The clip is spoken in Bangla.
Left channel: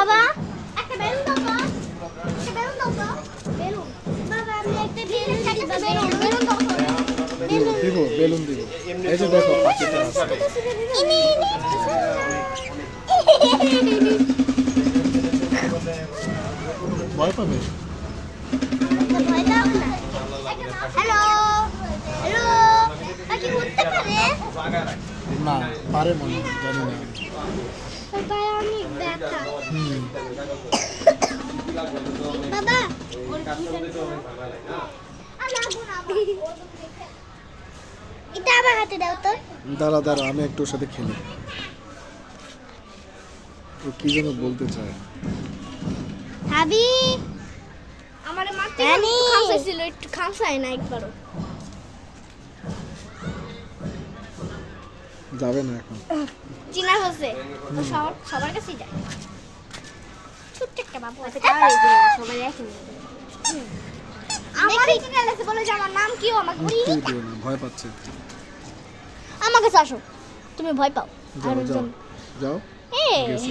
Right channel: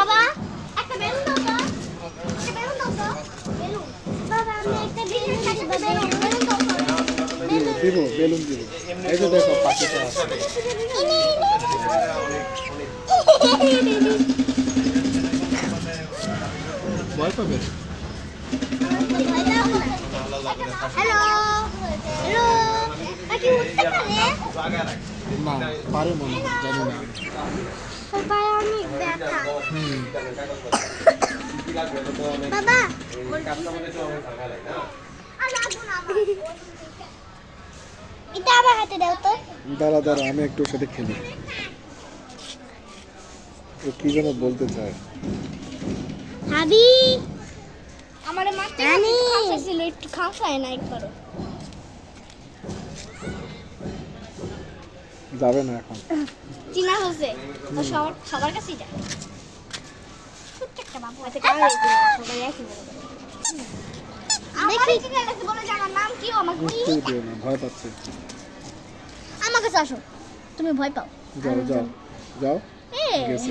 বাবা একটা বেলুন দাও তো, একটা বেলুন দাও তো, বেলুন। বাবা আমি একটা বেলুন দিব, বেলুন দাও তো। দিব বেলুন দিব। এই যে দেখো পাখিটা আছে। ভয় পাবে? হ্যালো হ্যালো, পাখি উঠতে পারে? না পারে মনে হয়, জানি না। বাবা অনেক ব্যথা। হুম। বাবা এটা আমার হাতে দাও তো। দাঁড়া দাঁড়া, আমি একটু ওর সাথে খেলি। ও কি যেন বলতে চায়। ভাবি আমার মাথা খাইছিল, একটু খাওয়াই না একবারও। যাবে না এখন। চিনা হচ্ছে তো সবার কাছেই যায়। ছোট্ট একটা বাবু আছে, সবাই এখন দেখি চিনা লাগছে বলে যে আমার নাম কি, আমাকে মুখতেই দিও না, ভয় পাচ্ছে। আমার কাছে আসো, তুমি ভয় পাও। যাও যাও যাও। এই গেছে।